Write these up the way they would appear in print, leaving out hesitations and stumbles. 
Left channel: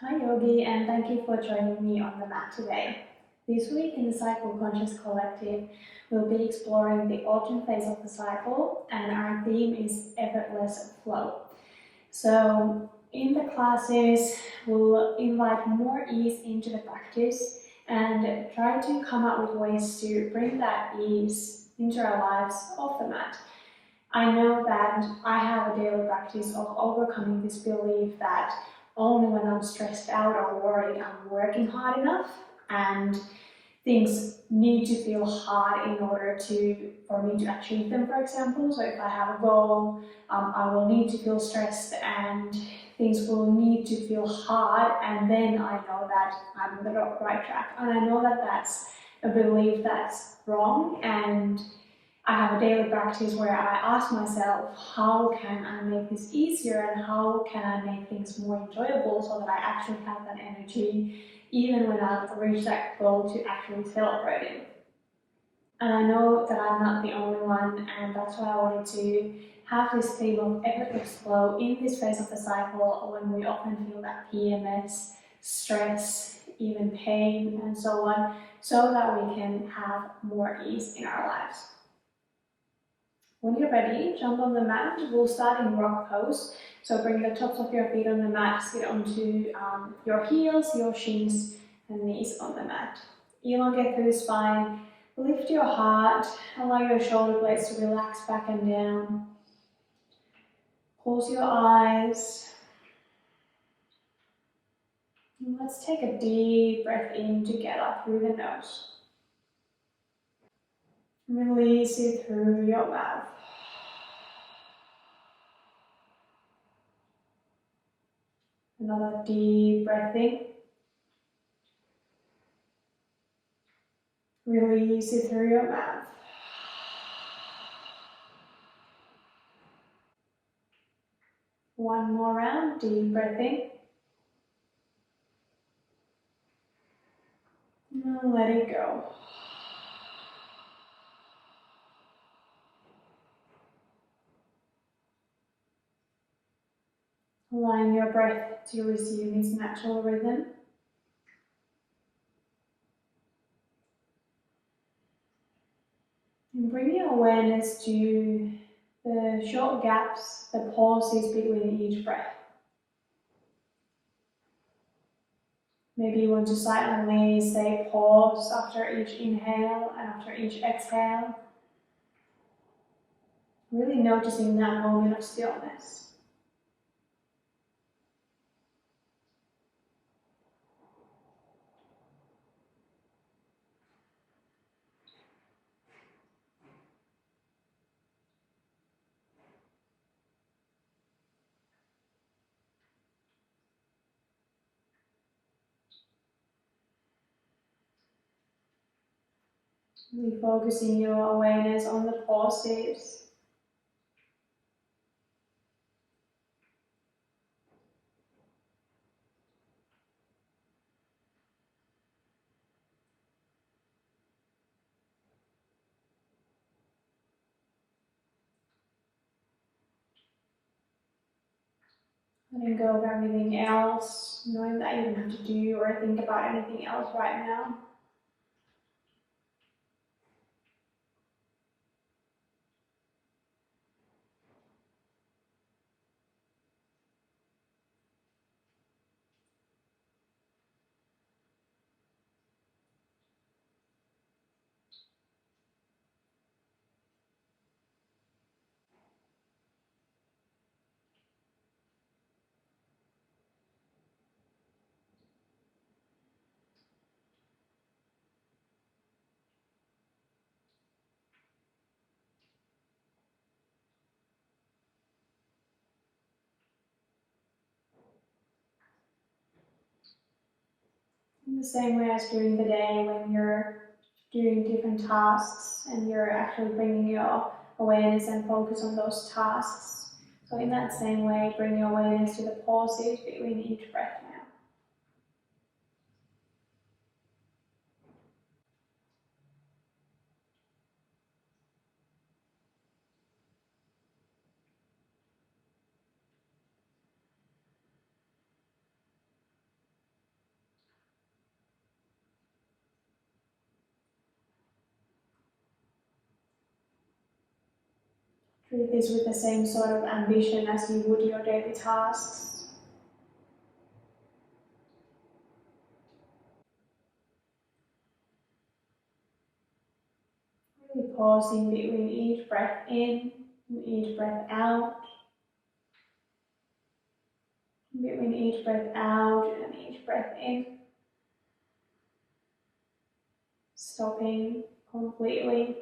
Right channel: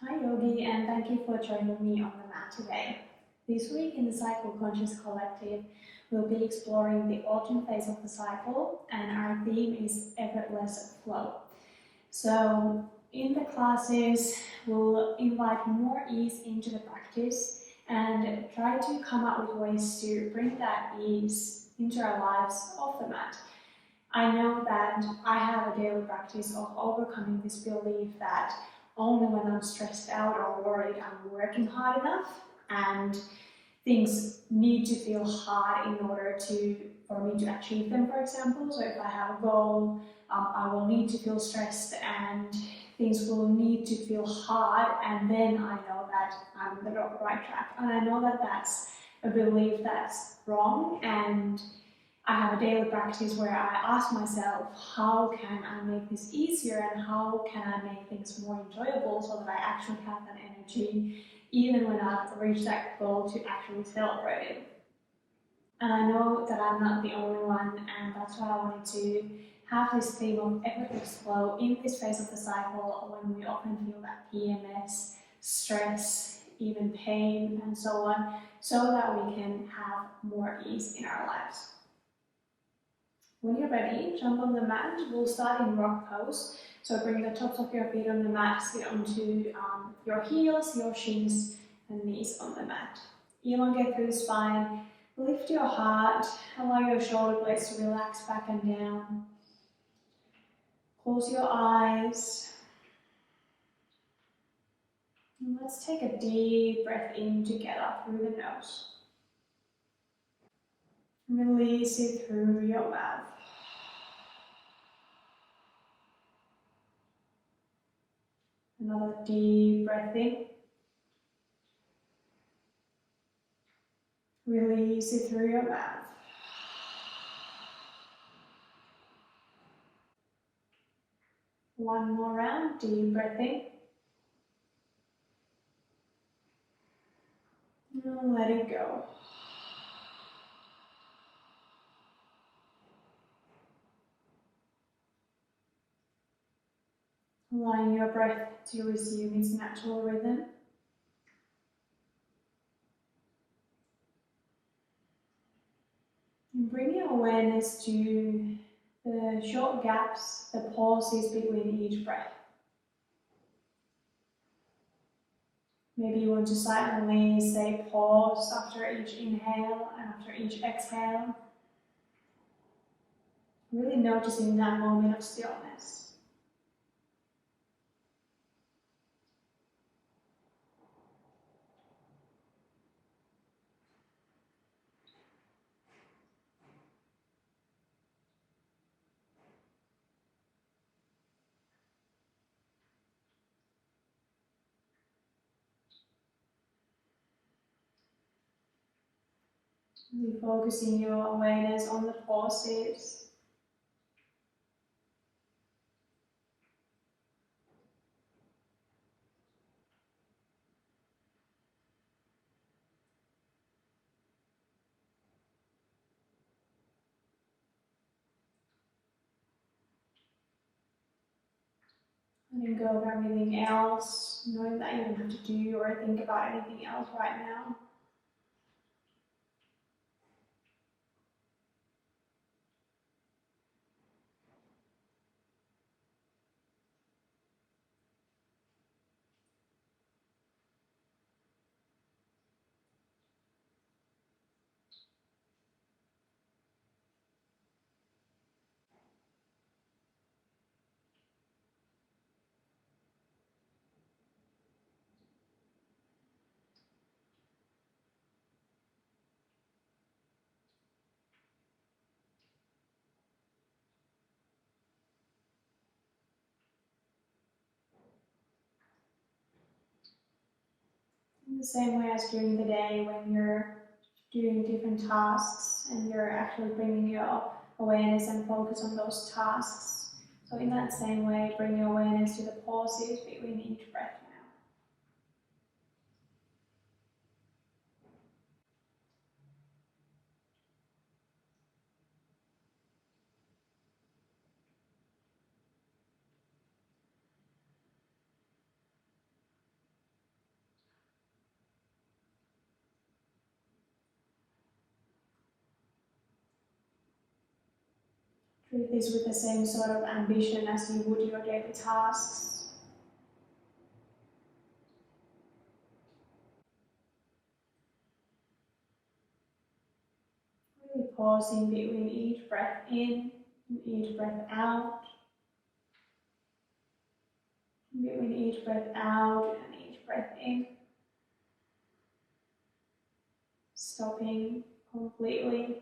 Hi Yogi, and thank you for joining me on the mat today. This week in the Cycle Conscious Collective, we'll be exploring the autumn phase of the cycle, and our theme is Effortless Flow. So, in the classes, we'll invite more ease into the practice and try to come up with ways to bring that ease into our lives off the mat. I know that I have a daily practice of overcoming this belief that only when I'm stressed out or worried I'm working hard enough, and things need to feel hard in order for me to achieve them, for example. So if I have a goal, I will need to feel stressed and things will need to feel hard, and then I know that I'm on the right track. And I know that that's a belief that's wrong, and I have a daily practice where I ask myself, how can I make this easier and how can I make things more enjoyable so that I actually have that energy even when I've reached that goal to actually celebrate it. And I know that I'm not the only one, and that's why I wanted to have this theme of effortless flow in this phase of the cycle when we often feel that PMS, stress, even pain and so on, so that we can have more ease in our lives. When you're ready, jump on the mat. We'll start in rock pose. So bring the tops of your feet on the mat, sit onto your heels, your shins and knees on the mat. Elongate through the spine, lift your heart, allow your shoulder blades to relax back and down. Close your eyes. And let's take a deep breath in together through the nose. Release it through your mouth. Another deep breath in. Release it through your mouth. One more round, deep breath in. Now let it go. Allowing your breath to resume its natural rhythm. And bring your awareness to the short gaps, the pauses between each breath. Maybe you want to silently say pause after each inhale and after each exhale. Really noticing that moment of stillness. Really focusing your awareness on the pauses. Letting go of everything else, knowing that you don't have to do or think about anything else right now. In the same way as during the day when you're doing different tasks and you're actually bringing your awareness and focus on those tasks. So in that same way, bring your awareness to the pauses between each breath now. Treat this with the same sort of ambition as you would your daily tasks. Really pausing between each breath in and each breath out. Between each breath out and each breath in. Stopping completely.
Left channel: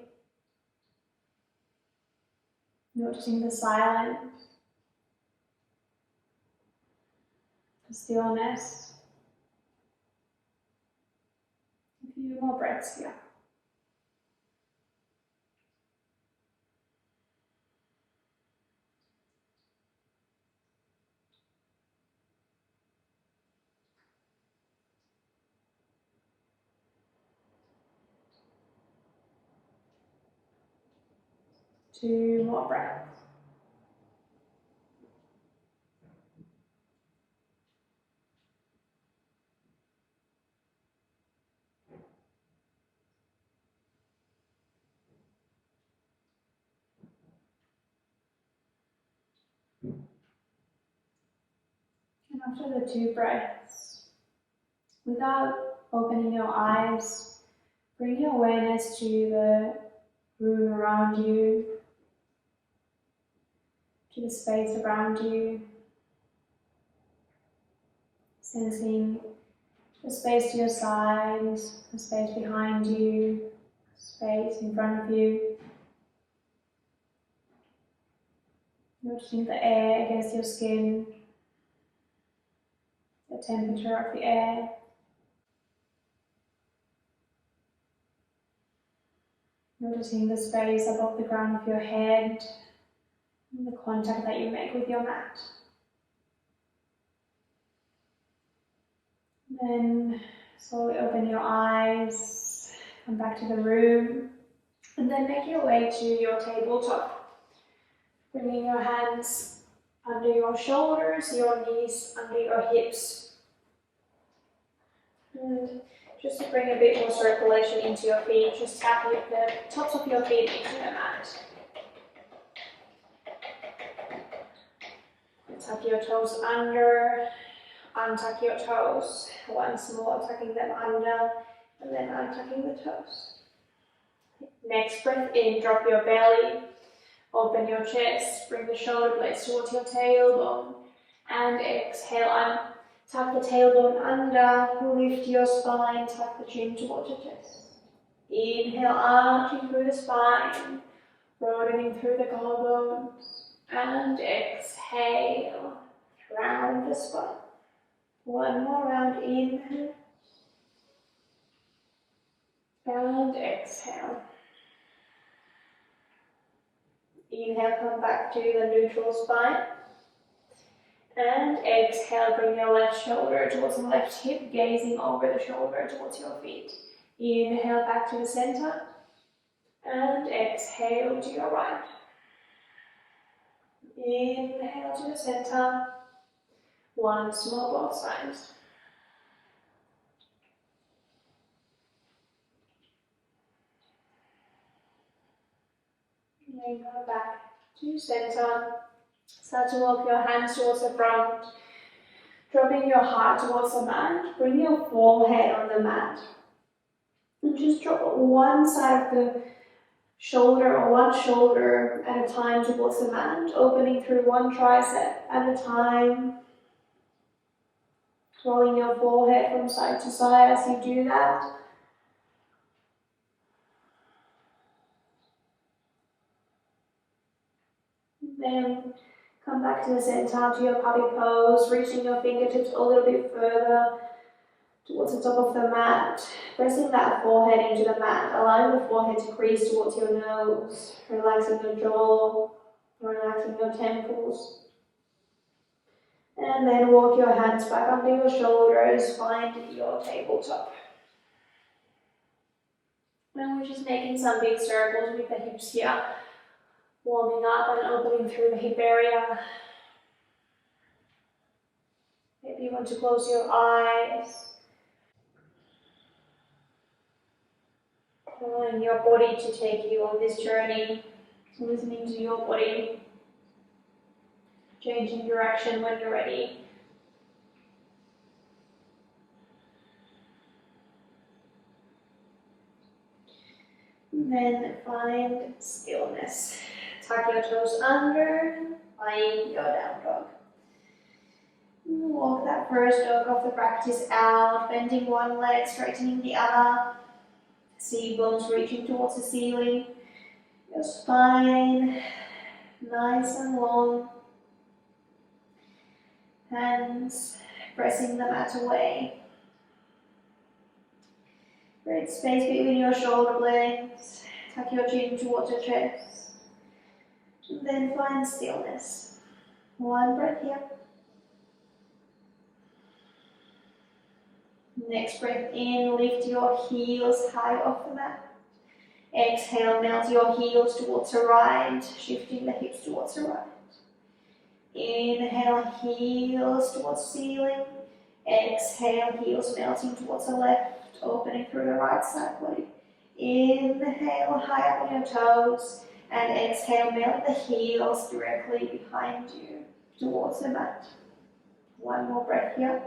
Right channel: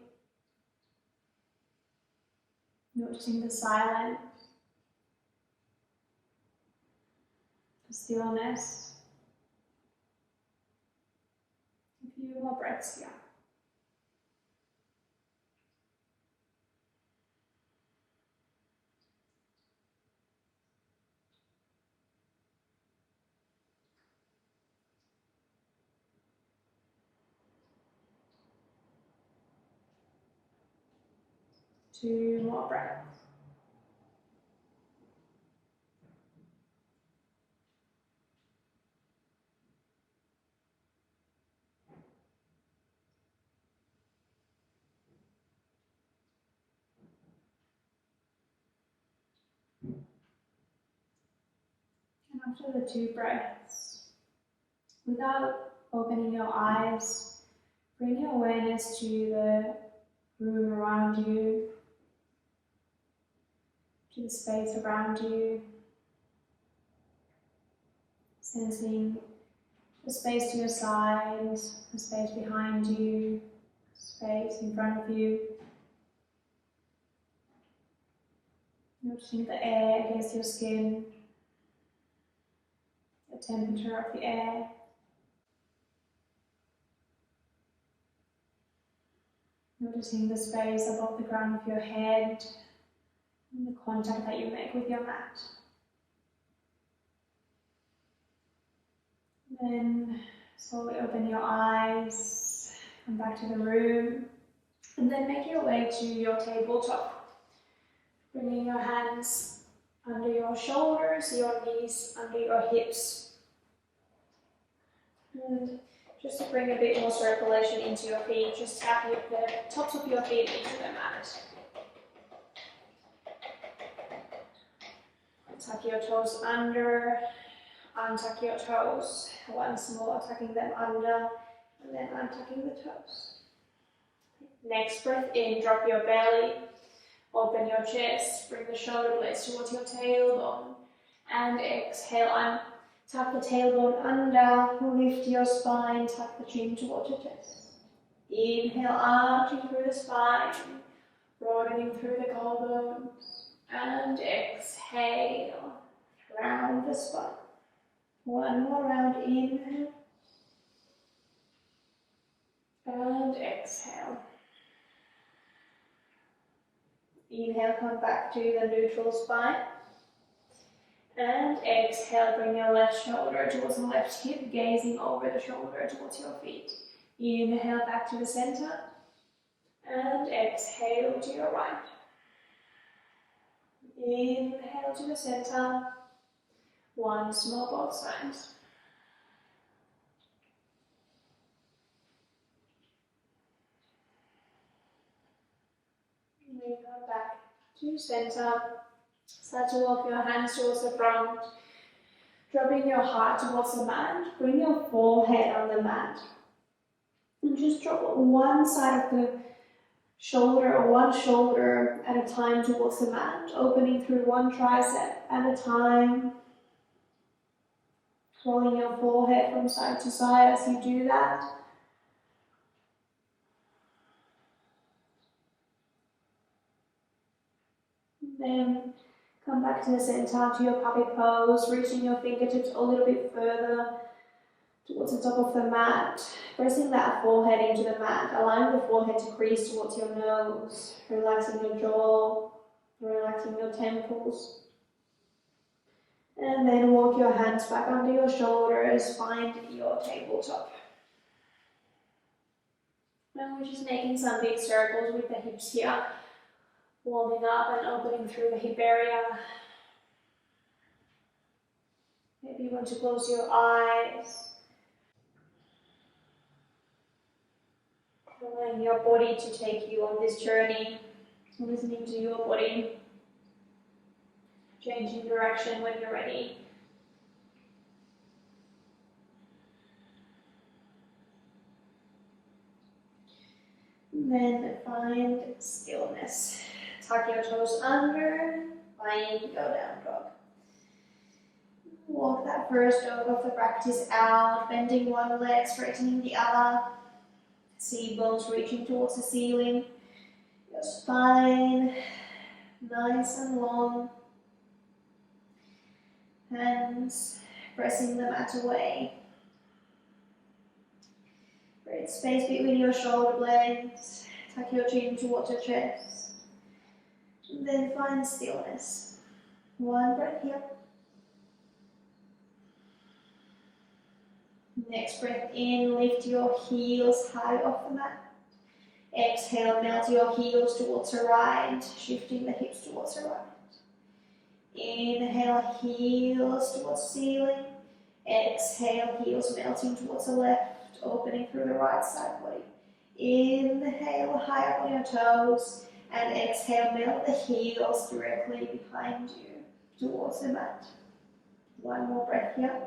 Noticing the silence, the stillness. A few more breaths here. Two more breaths. And after the two breaths, without opening your eyes, bring your awareness to the room around you, to the space around you, sensing the space to your sides, the space behind you, space in front of you. Noticing the air against your skin, the temperature of the air. Noticing the space above the crown of your head and the contact that you make with your mat. Then slowly open your eyes, come back to the room, and then make your way to your tabletop. Bringing your hands under your shoulders, your knees under your hips. And just to bring a bit more circulation into your feet, just tap the tops of your feet into the mat. Tuck your toes under, untuck your toes, once more tucking them under, and then untucking the toes. Next breath in, drop your belly, open your chest, bring the shoulder blades towards your tailbone, and exhale, tuck the tailbone under, lift your spine, tuck the chin towards your chest. Inhale, arching through the spine, broadening through the collarbones, and exhale, round the spine. One more round, inhale, and exhale. Inhale, come back to the neutral spine. And exhale, bring your left shoulder towards the left hip, gazing over the shoulder towards your feet. Inhale, back to the center. And exhale to your right. Inhale to the center. Once more, both sides. And then come back to center. Start to walk your hands towards the front. Dropping your heart towards the mat. Bring your forehead on the mat. And just drop one side of the shoulder or one shoulder at a time towards the mat. Opening through one tricep at a time. Rolling your forehead from side to side as you do that. Then come back to the center, to your puppy pose, reaching your fingertips a little bit further towards the top of the mat, pressing that forehead into the mat, allowing the forehead to crease towards your nose, relaxing your jaw, relaxing your temples. And then walk your hands back under your shoulders, find your tabletop. And we're just making some big circles with the hips here, warming up and opening through the hip area. Maybe you want to close your eyes. Allowing your body to take you on this journey Listening to your body, changing direction when you're ready. Then find stillness. Tuck your toes under, find your down dog. Walk that first dog of the practice out, bending one leg, straightening the other. See bones reaching towards the ceiling. Your spine, nice and long. Hands pressing the mat away. Create space between your shoulder blades. Tuck your chin towards your chest. And then find stillness. One breath here. Next breath in, lift your heels high off the mat. Exhale, melt your heels towards the right, shifting the hips towards the right. Inhale, heels towards the ceiling. Exhale, heels melting towards the left, opening through the right side body. Inhale, high up on your toes, and exhale, melt the heels directly behind you towards the mat. One more breath here.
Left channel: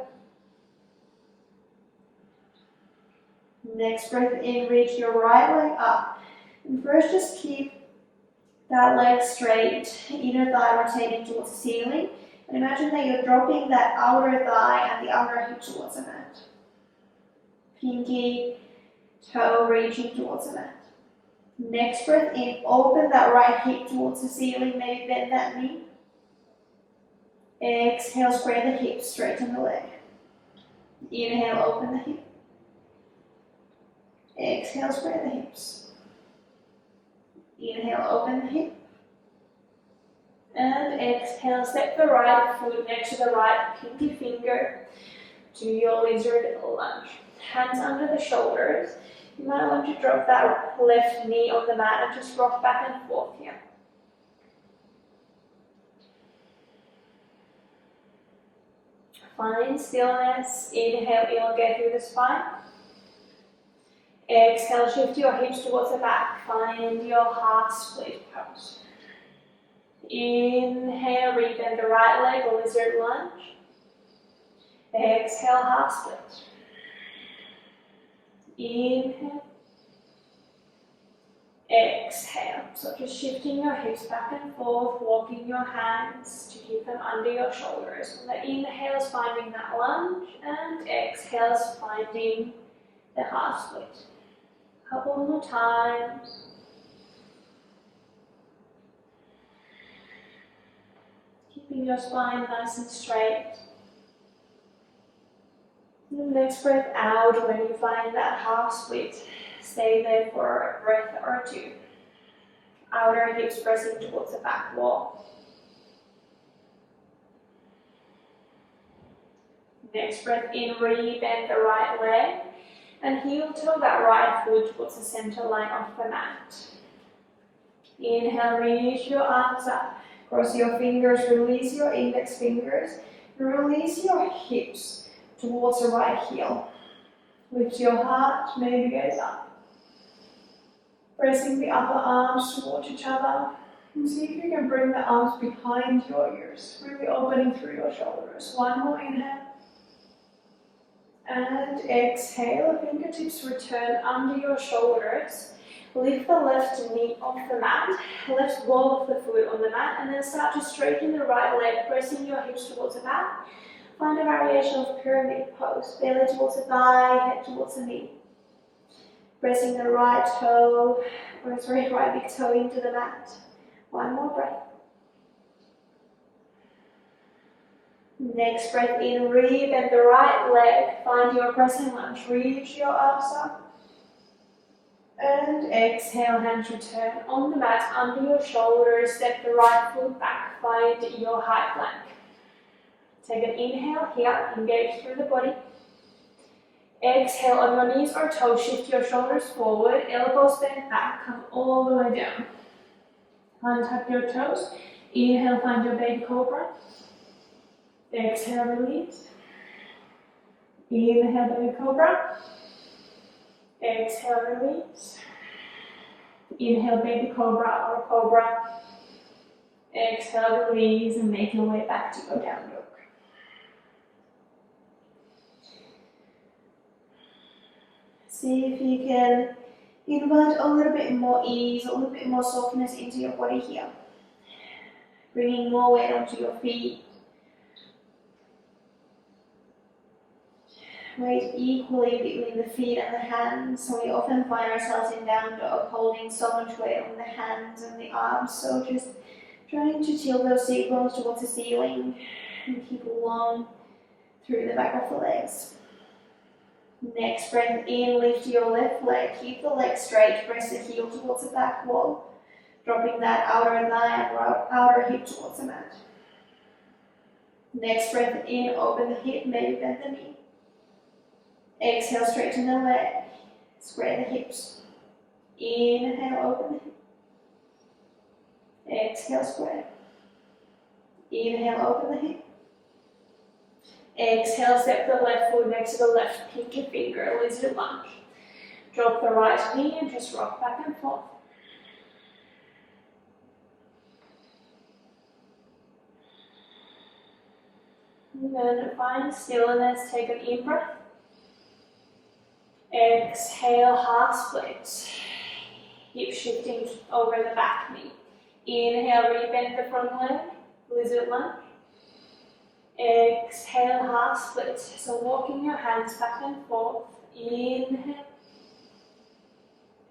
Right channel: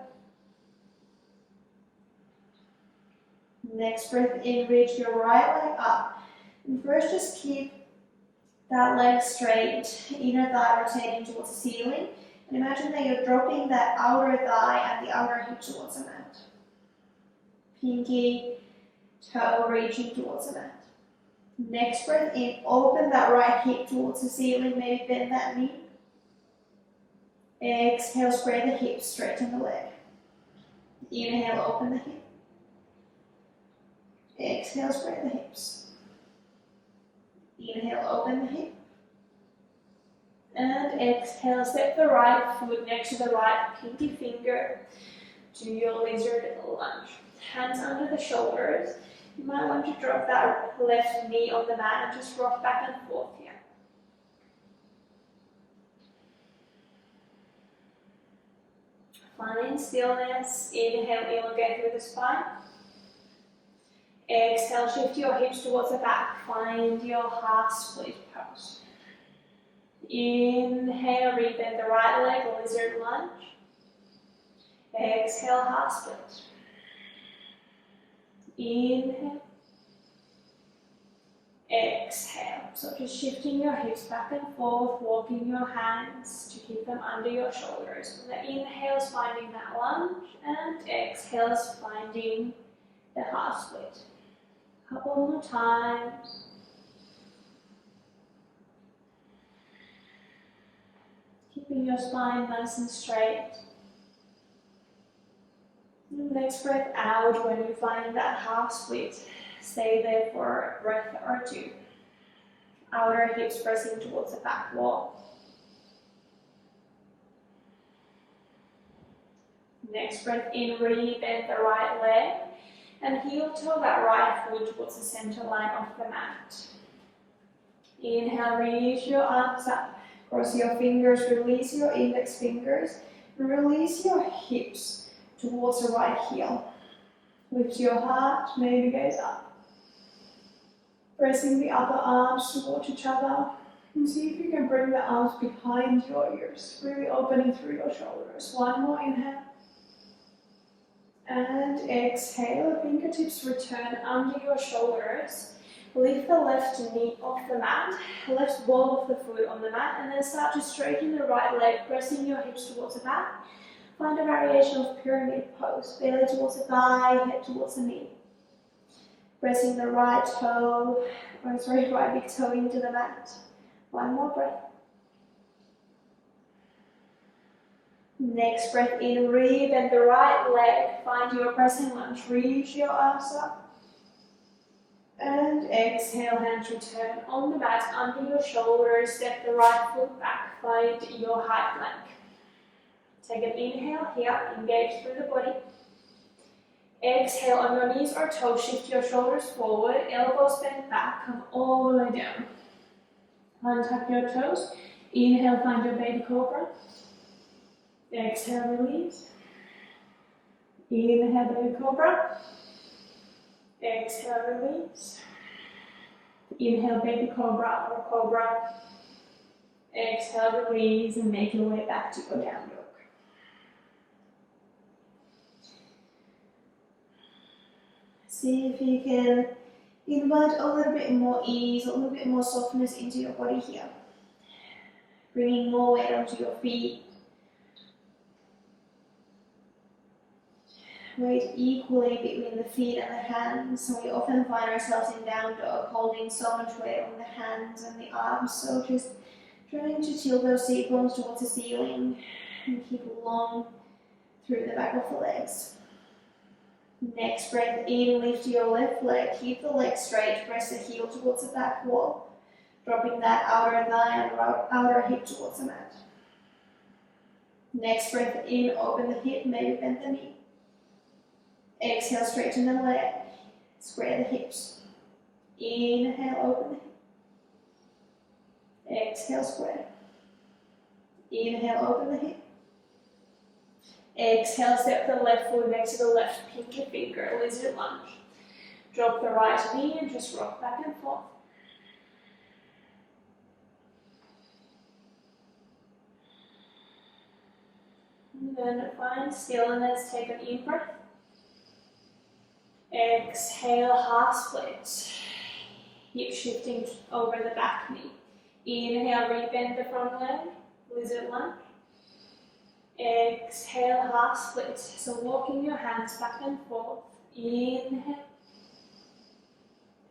Next breath in, reach your right leg up. And first just keep that leg straight, inner thigh rotating towards the ceiling. And imagine that you're dropping that outer thigh and the outer hip towards the mat. Pinky toe reaching towards the mat. Next breath in, open that right hip towards the ceiling, maybe bend that knee. Exhale, spread the hips, straighten the leg. Inhale, open the hip. Exhale, spread the hips. Inhale, open the hip. And exhale, step the right foot next to the right pinky finger to your lizard lunge. Hands under the shoulders. You might want to drop that left knee on the mat and just rock back and forth here. Find stillness. Inhale, elongate through the spine. Exhale, shift your hips towards the back. Find your half split pose. Inhale, rebend the right leg, lizard lunge. Exhale, half split. Inhale. Exhale. So just shifting your hips back and forth, walking your hands to keep them under your shoulders. On the inhale is finding that lunge, and exhale is finding the half split. Couple more times. Keeping your spine nice and straight. Next breath out when you find that half split. Stay there for a breath or two. Outer hips pressing towards the back wall. Next breath in, rebend the right leg. And heel toe that right foot towards the center line of the mat. Inhale, reach your arms up. Cross your fingers, release your index fingers. Release your hips towards the right heel. Lift your heart, maybe gaze up. Pressing the upper arms towards each other. And see if you can bring the arms behind your ears, really opening through your shoulders. One more inhale. And exhale, fingertips return under your shoulders. Lift the left knee off the mat, left ball of the foot on the mat, and then start to straighten the right leg, pressing your hips towards the back. Find a variation of pyramid pose, belly towards the thigh, head towards the knee. Pressing the right big toe into the mat. One more breath. Next breath in, rebend the right leg, find your crescent lunge, reach your arms up. And exhale, hands return on the mat under your shoulders, step the right foot back, find your high plank. Take an inhale here, engage through the body. Exhale on your knees or toes, shift your shoulders forward, elbows bent back, come all the way down. Untuck your toes, inhale, find your baby cobra. Exhale, release. Inhale, baby cobra. Exhale, release. Inhale, baby cobra or cobra. Exhale, release and make your way back to your down dog. See if you can invite a little bit more ease, a little bit more softness into your body here. Bringing more weight onto your feet. Weight equally between the feet and the hands. So we often find ourselves in down dog holding so much weight on the hands and the arms. So just trying to tilt those seat bones towards the ceiling and keep long through the back of the legs. Next breath in, lift your left leg, keep the leg straight, press the heel towards the back wall, dropping that outer thigh and outer hip towards the mat. Next breath in, open the hip, maybe bend the knee. Exhale, straighten the leg, square the hips. Inhale, open the hip. Exhale, square. Inhale, open the hip. Exhale, step the left foot next to the left pinky finger, lizard lunge. Drop the right knee and just rock back and forth. And then find stillness, take an in breath. Exhale, half split. Hip shifting over the back knee. Inhale, rebend the front leg, lizard lunge. Exhale, half split. So walking your hands back and forth. Inhale.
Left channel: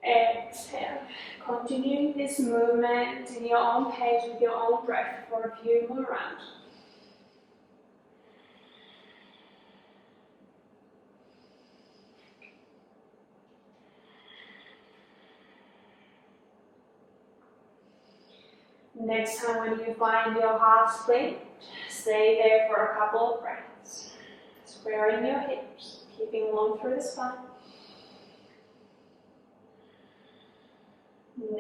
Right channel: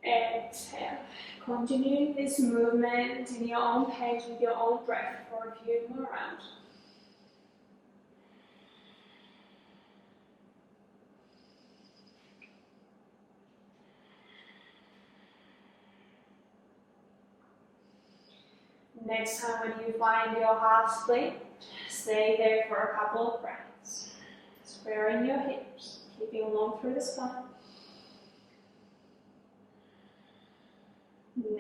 Exhale. Continuing this movement in your own pace with your own breath for a few more rounds. Next time when you find your half split, stay there for a couple of breaths. Squaring your hips, keeping long through the spine.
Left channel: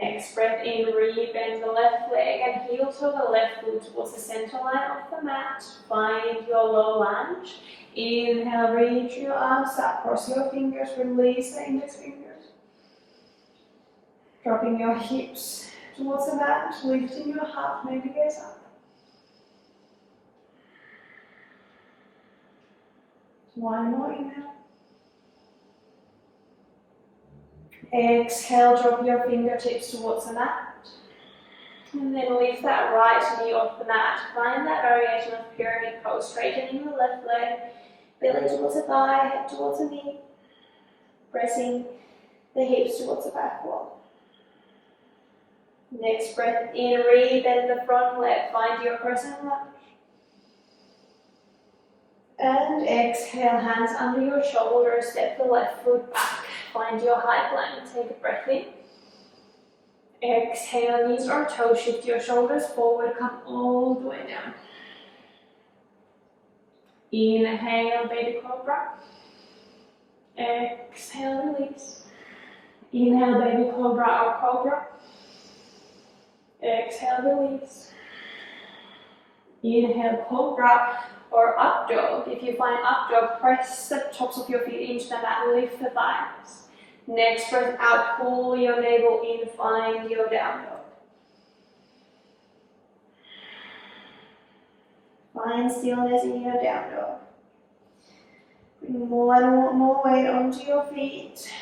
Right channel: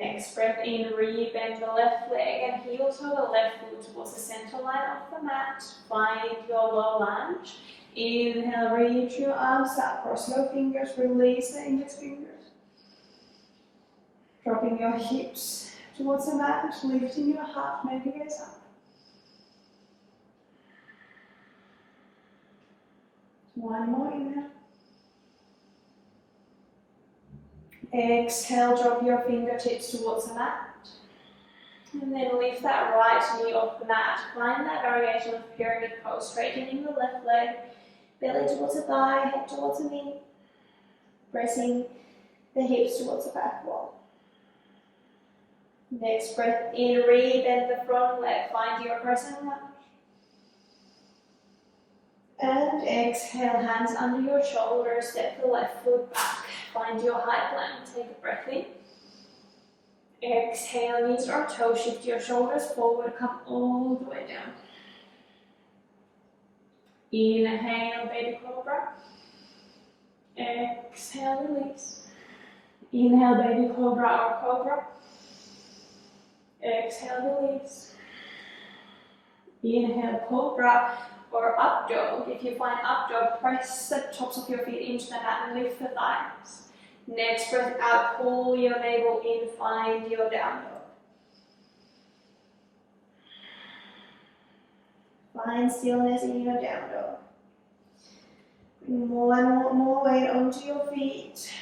Next breath in, rebend the left leg and heel to the left foot towards the center line of the mat. Find your low lunge. Inhale, reach your arms up, cross your fingers, release the index fingers. Dropping your hips towards the mat, lifting your heart, maybe gaze up. One more inhale. Exhale, drop your fingertips towards the mat. And then lift that right knee off the mat. Find that variation of pyramid pose, straightening the left leg, belly towards the thigh, head towards the knee. Pressing the hips towards the back wall. Next breath in, rebend the front leg, find your crescent lunge. And exhale, hands under your shoulders, step the left foot back, find your high plank, take a breath in. Exhale, knees or toes, shift your shoulders forward, come all the way down. Inhale, baby cobra. Exhale, release. Inhale, baby cobra or cobra. Exhale, release. Inhale, cobra or up dog. If you find up dog, press the tops of your feet into the mat and lift the thighs. Next breath out, pull your navel in, find your down dog. Find stillness in your down dog. Bring more weight onto your feet.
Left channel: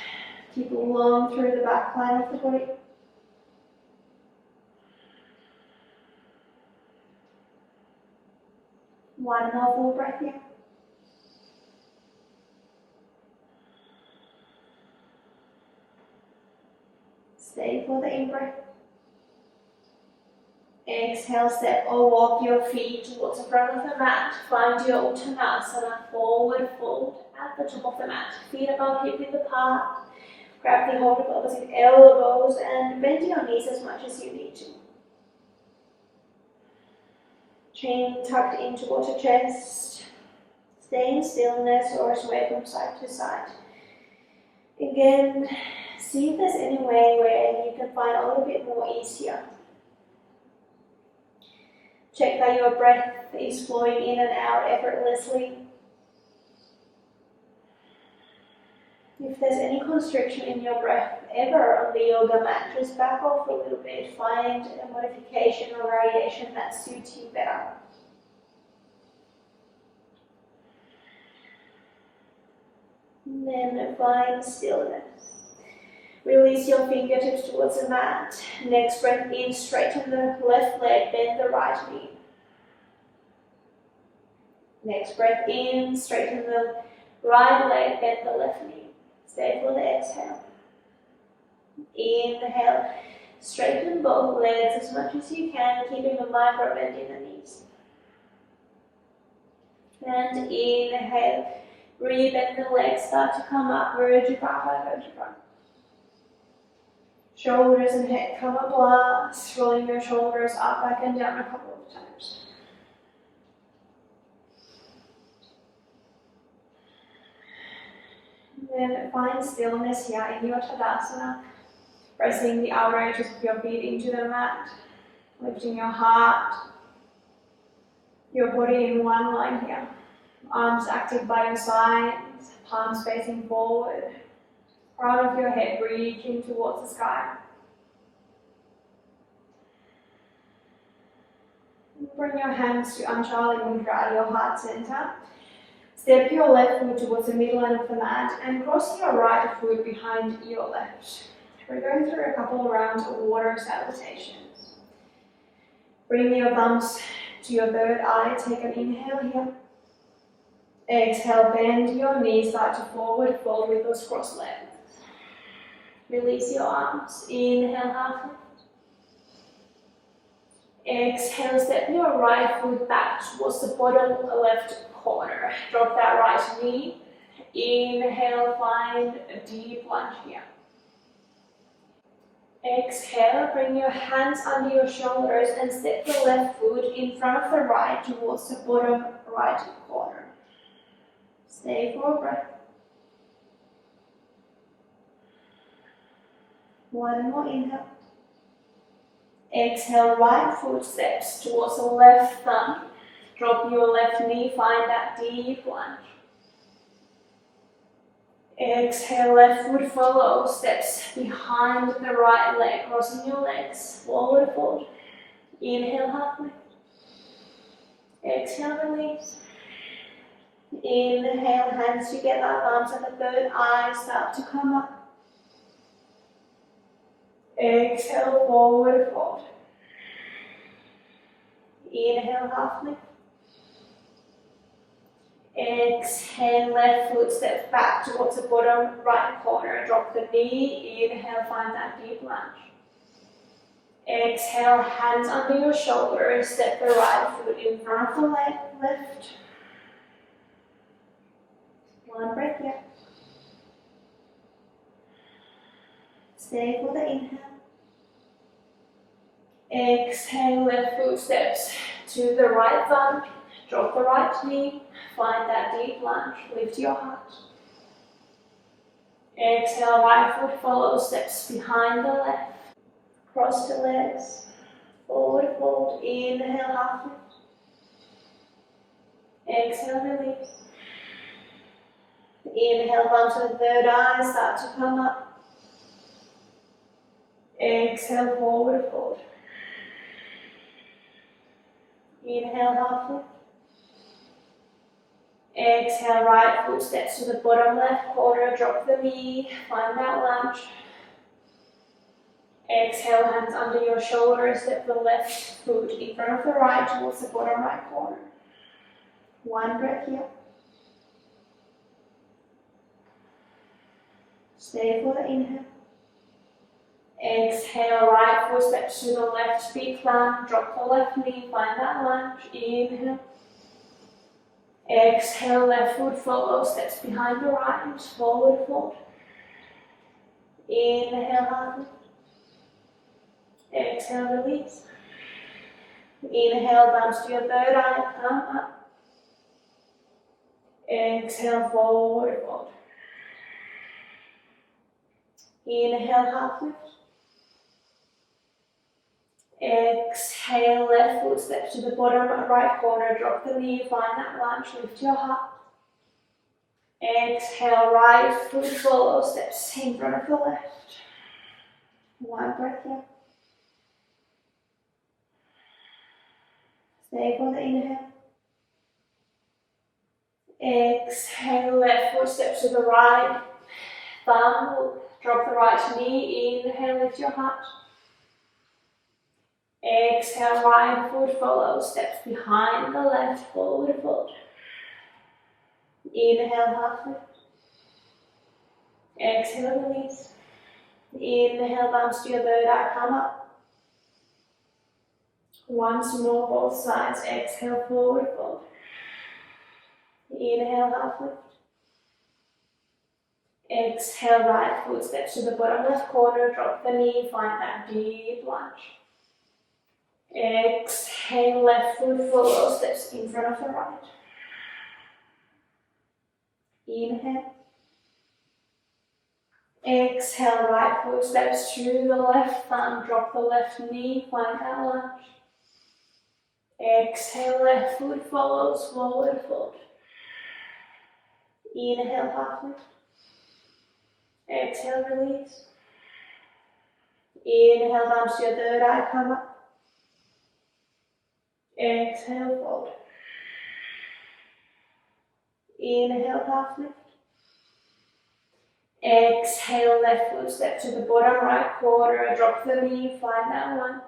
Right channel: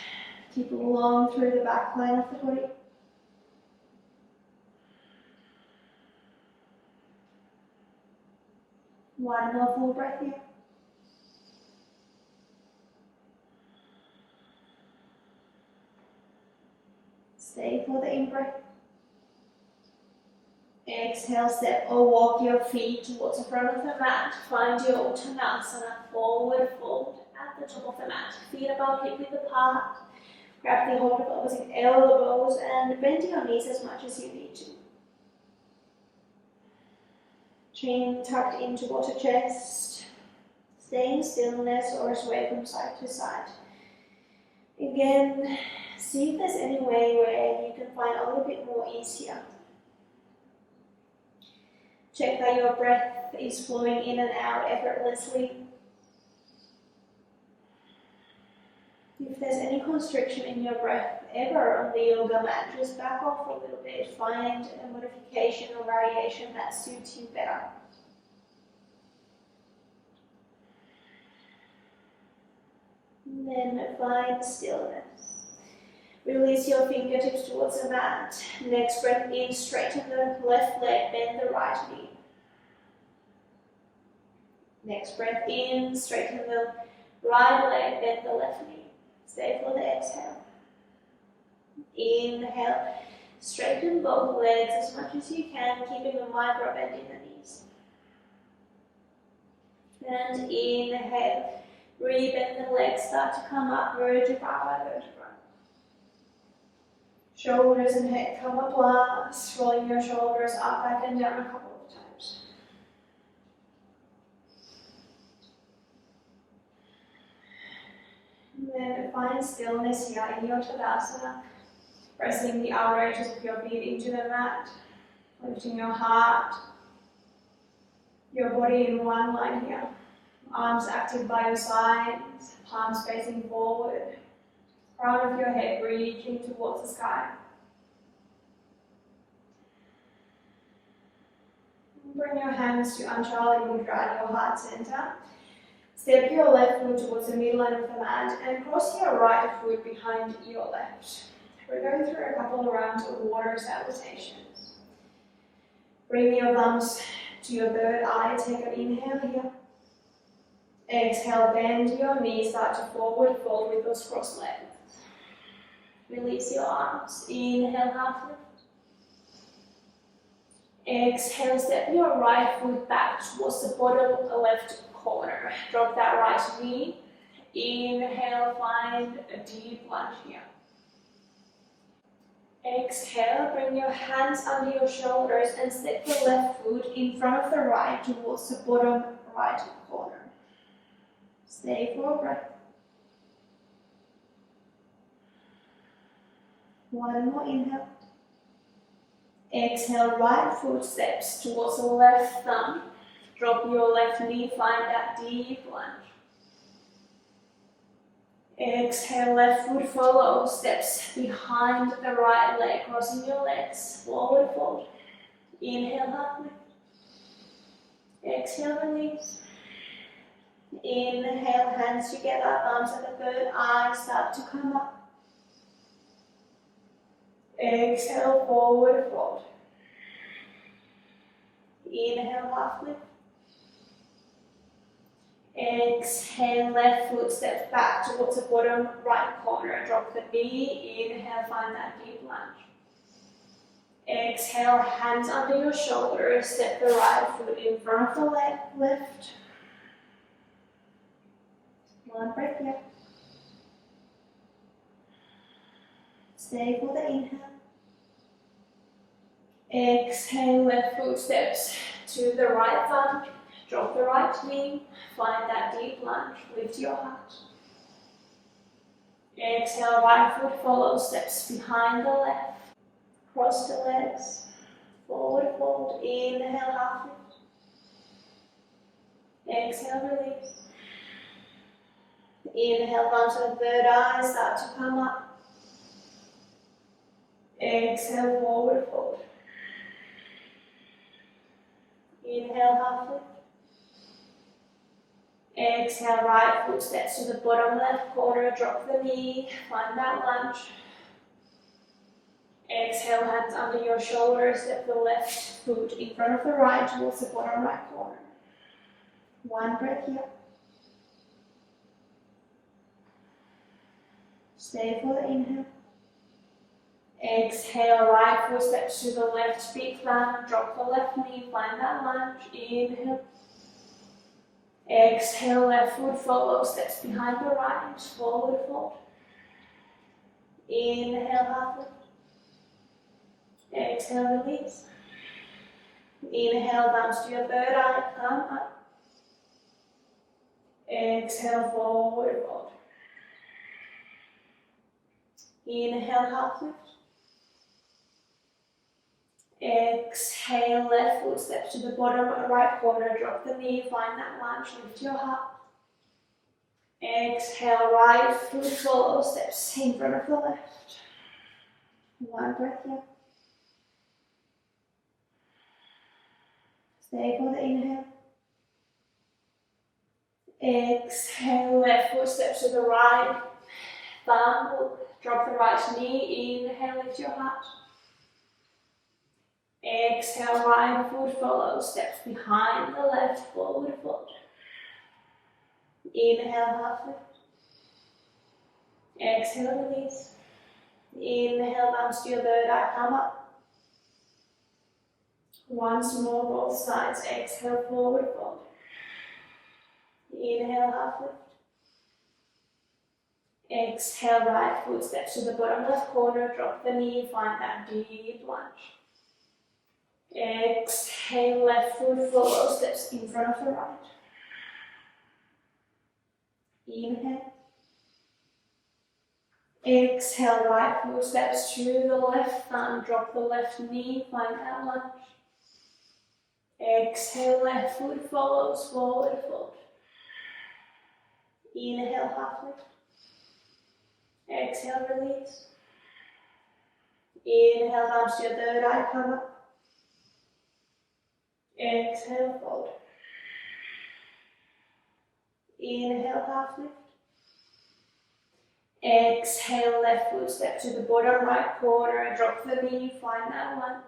Keep long through the back line of the body. One more full breath here. Stay for the in-breath. Exhale, step or walk your feet towards the front of the mat. Find your Uttanasana, forward fold at the top of the mat. Feet above hip width apart. Grab the hold of opposite elbows and bend your knees as much as you need to. Chin tucked in towards the chest. Stay in stillness or sway from side to side. Again, see if there's any way where you can find a little bit more ease here. Check that your breath is flowing in and out effortlessly. If there's any constriction in your breath, ever on the yoga mat, just back off a little bit, find a modification or variation that suits you better. And then find stillness. Release your fingertips towards the mat. Next breath in, straighten the left leg, bend the right knee. Next breath in, straighten the right leg, bend the left knee. Stay for the exhale. Inhale, straighten both legs as much as you can, keeping a micro bend in the knees. And inhale, rebend the legs, start to come up, vertebra by vertebra. Shoulders and head come up last, rolling your shoulders up, back and down a couple of times. And then find stillness here in your Tadasana, pressing the outer edges of your feet into the mat, lifting your heart, your body in one line here. Arms active by your sides, palms facing forward. Crown of your head reaching towards the sky. Bring your hands to Anjali Mudra, your heart center. Step your left foot towards the midline of the mat and cross your right foot behind your left. We're going through a couple of rounds of water salutations. Bring your thumbs to your third eye. Take an inhale here. Exhale, bend your knees, start to forward fold with those crossed legs. Release your arms. Inhale, half lift. Exhale, step your right foot back towards the bottom left corner. Drop that right knee. Inhale, find a deep lunge here. Exhale, bring your hands under your shoulders and step the left foot in front of the right towards the bottom right corner. Stay for a breath. One more inhale. Exhale, right foot steps towards the left thumb. Drop your left knee, find that deep lunge. Exhale, left foot follows, steps behind the right leg, crossing your legs, forward fold. Inhale, half lift. Exhale, release. Inhale, hands together, thumbs at the third eye, start to come up. Exhale, forward fold. Inhale, half lift. Exhale, left foot steps back towards the bottom right corner. Drop the knee. Inhale, find that deep lunge. Exhale, hands under your shoulders. Step the right foot in front of the leg. Lift. One breath here. Stay for the inhale. Exhale, left foot steps to the right thumb. Drop the right knee. Find that deep lunge. Lift your heart. Exhale, right foot follows, steps behind the left. Cross the legs. Forward fold. Inhale, half lift. Exhale, release. Inhale, thumbs to the third eye, start to come up. Exhale, forward fold. Inhale, half lift. Exhale, right foot steps to the bottom left corner, drop the knee, find that lunge. Exhale, hands under your shoulders, step the left foot in front of the right towards the bottom right corner. One breath here. Stay for the inhale. Exhale, right foot steps to the left feet down, drop the left knee, find that lunge. Inhale. Exhale, left foot follows, steps behind the right, forward fold. Inhale, half lift. Exhale, release. Inhale, thumbs to your third eye, thumb up. Exhale, forward fold. Inhale, half lift. Exhale, left foot steps to the bottom right corner, drop the knee, find that lunge, lift your heart. Exhale, right foot follows, steps in front of the left. One breath here. Stay for the inhale. Exhale, left foot steps to the right. Thumb, drop the right knee. Inhale, lift your heart. Exhale, right foot follows, steps behind the left, forward fold. Inhale, half lift. Exhale, release. Inhale, bounce to your third eye, come up. Once more, both sides. Exhale, forward fold. Inhale, half lift. Exhale, right foot steps to the bottom left corner, drop the knee, find that deep lunge. Exhale, left foot follows, steps in front of the right. Inhale. Exhale, right foot steps to the left thumb, drop the left knee, find that lunge. Exhale, left foot follows, forward fold. Inhale, half lift. Exhale, release. Inhale, bounce to your third eye, come up. Exhale, fold. Inhale, half lift. Exhale, left foot step to the bottom right corner, drop the knee, find that lunge.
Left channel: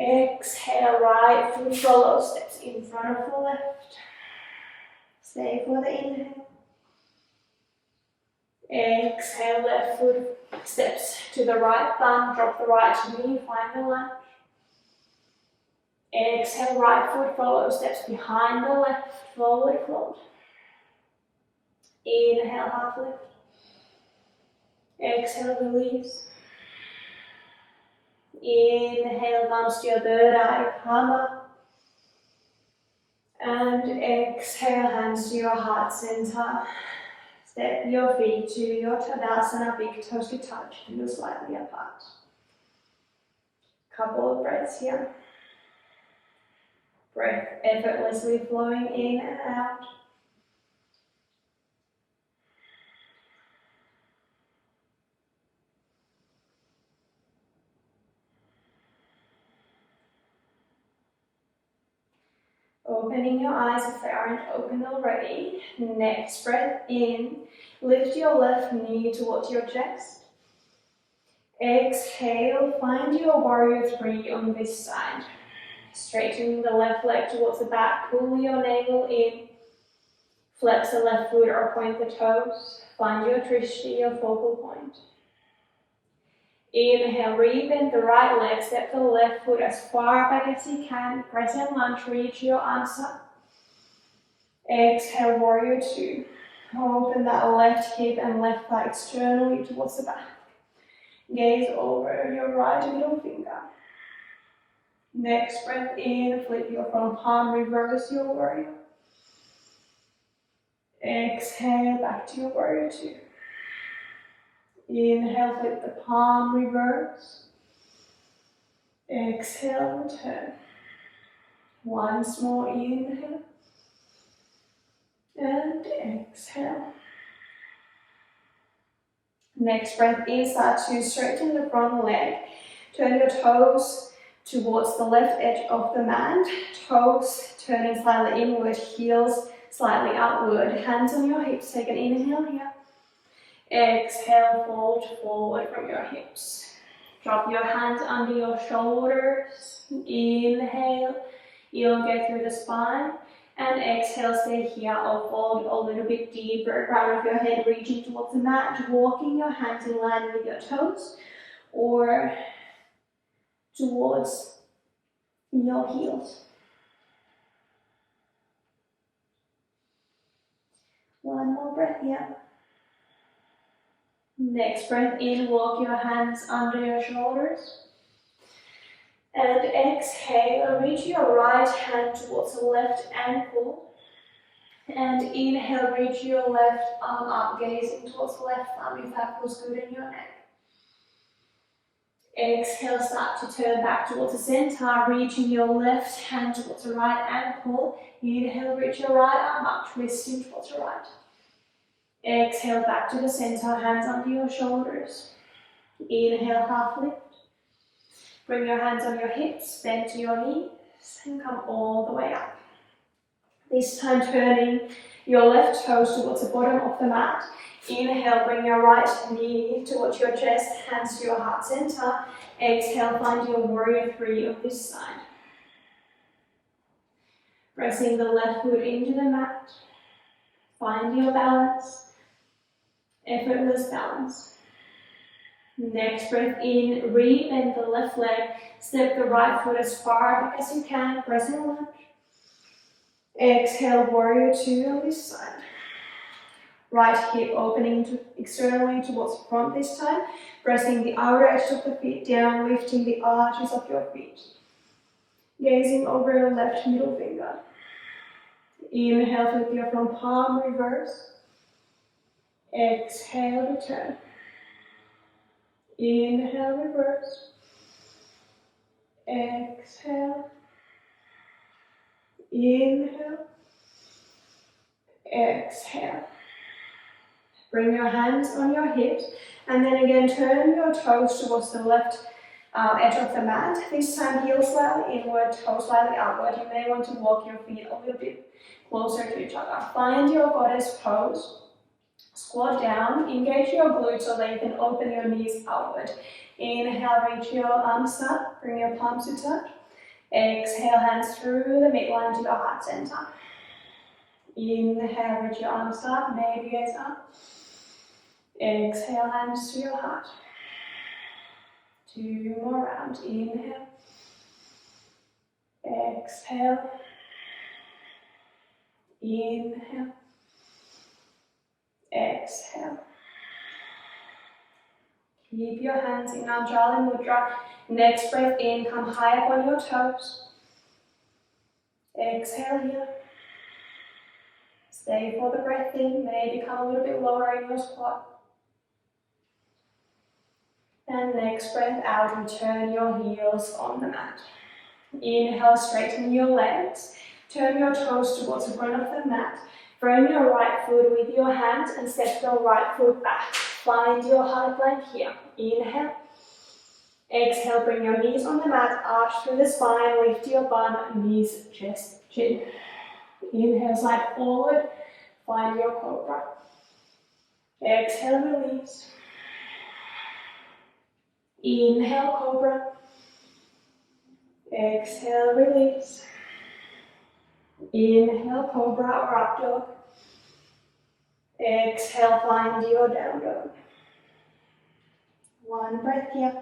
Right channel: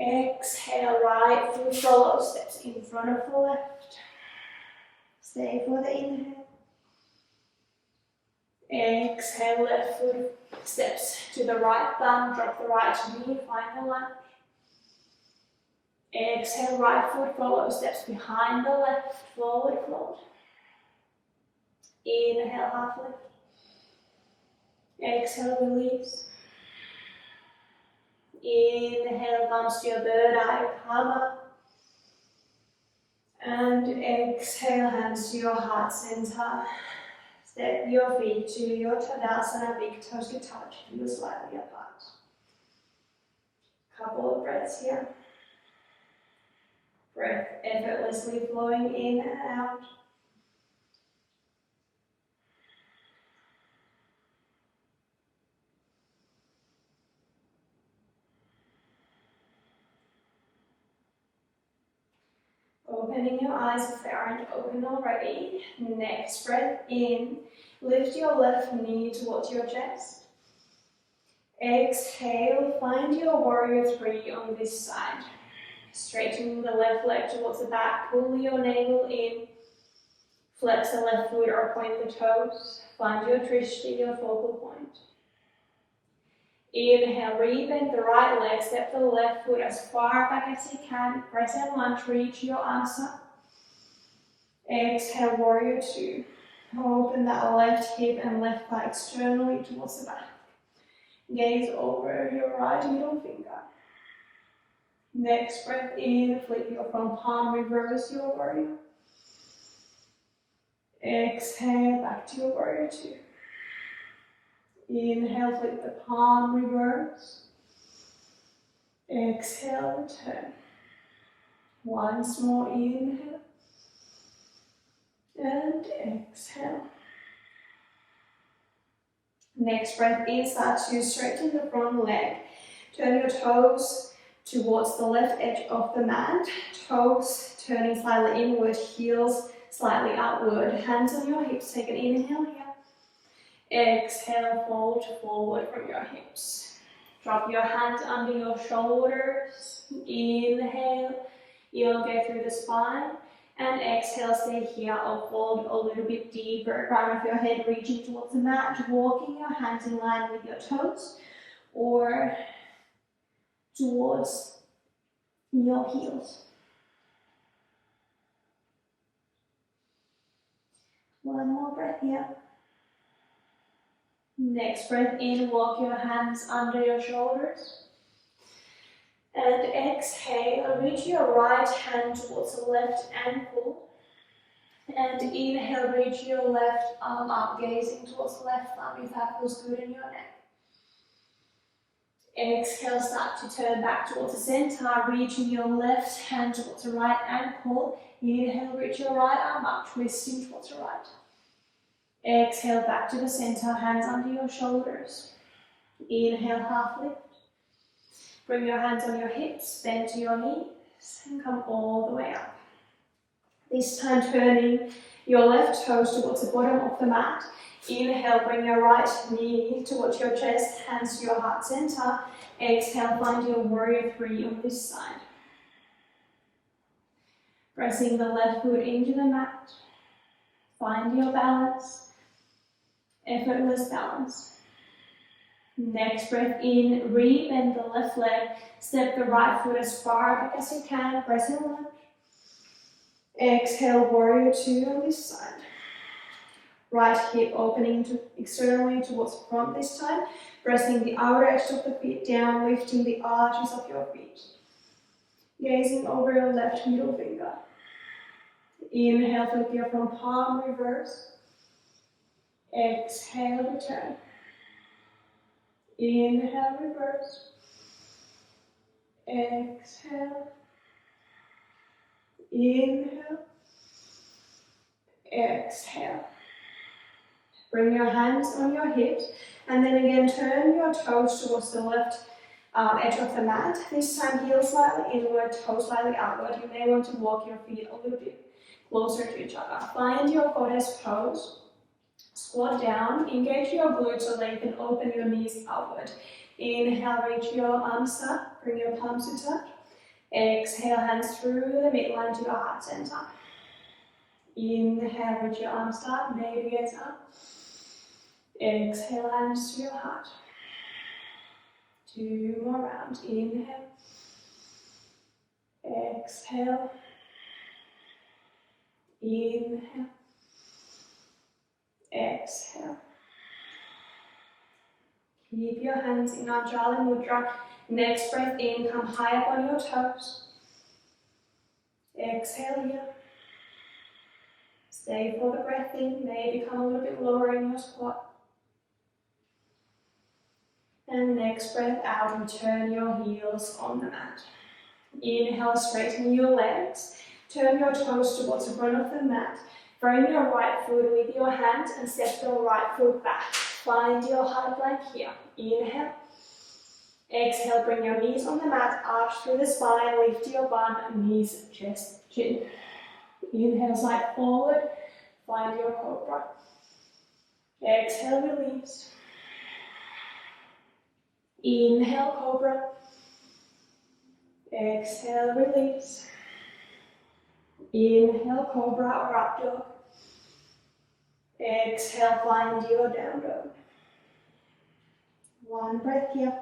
Exhale, right foot follows, steps in front of the left. Stay for the inhale. Exhale, left foot steps to the right thumb, drop the right knee, find the lunge. Exhale, right foot follows, steps behind the left, forward fold. Inhale, half lift. Exhale, release. Inhale, bounce to your third eye, come up. And exhale, hands to your heart center. Step your feet to your Tadasana, big toes to touch, heels slightly apart. Couple of breaths here. Breath effortlessly flowing in and out. Opening your eyes if they aren't open already. Next breath in. Lift your left knee towards your chest. Exhale, find your warrior three on this side. Straightening the left leg towards the back, pull your navel in. Flex the left foot or point the toes. Find your drishti, your focal point. Inhale, rebend the right leg, step the left foot as far back as you can. Crescent lunge, reach your arms up. Exhale, warrior two. Open that left hip and left thigh externally towards the back. Gaze over your right middle finger. Next breath in, flip your front palm, reverse your warrior. Exhale, back to your warrior two. Inhale, flip the palm, reverse. Exhale, return. Once more, inhale. And exhale. Next breath in, start to straighten the front leg. Turn your toes towards the left edge of the mat. Toes turning slightly inward, heels slightly outward. Hands on your hips, take an inhale here. Exhale, fold forward from your hips. Drop your hands under your shoulders. Inhale, elongate through the spine. And exhale, stay here or fold a little bit deeper. Crown of your head reaching towards the mat. Walking your hands in line with your toes or towards your heels. One more breath here. Next breath in, walk your hands under your shoulders. And exhale, reach your right hand towards the left ankle. And inhale, reach your left arm up, gazing towards the left thumb if that feels good in your neck. Exhale, start to turn back towards the center, reaching your left hand towards the right ankle. Inhale, reach your right arm up, twisting towards the right. Exhale, back to the center, hands under your shoulders. Inhale, half lift. Bring your hands on your hips, bend to your knees, and come all the way up. This time turning your left toes towards the bottom of the mat. Inhale, bring your right knee towards your chest, hands to your heart center. Exhale, find your warrior three on this side. Pressing the left foot into the mat. Find your balance. Effortless balance. Next breath in, re-bend the left leg. Step the right foot as far back as you can, pressing lunge. Exhale, warrior two on this side. Right hip opening externally towards the front this time. Pressing the outer edge of the feet down, lifting the arches of your feet. Gazing over your left middle finger. Inhale, flip your front palm, reverse. Exhale, return. Inhale, reverse. Exhale. Inhale. Exhale. Bring your hands on your hips and then again turn your toes towards the left edge of the mat. This time heels slightly inward, toes slightly outward. You may want to walk your feet a little bit closer to each other. Find your goddess pose. Squat down, engage your glutes so that you can open your knees outward. Inhale, reach your arms up, bring your palms to touch. Exhale, hands through the midline to your heart center. Inhale, reach your arms up, maybe gaze up. Exhale, hands to your heart. Two more rounds. Inhale. Exhale. Inhale. Exhale. Keep your hands in Anjali Mudra. Next breath in, come high up on your toes. Exhale here. Stay for the breath in, maybe come a little bit lower in your squat. And next breath out, return your heels on the mat. Inhale, straighten your legs. Turn your toes towards the front of the mat. Frame your right foot with your hands and step your right foot back. Find your high plank here. Inhale. Exhale, bring your knees on the mat, arch through the spine, lift your bum, knees, chest, chin. Inhale, slide forward, find your cobra. Exhale, release. Inhale, cobra. Exhale, release. Inhale, cobra or up dog. Exhale, find your down dog. One breath here.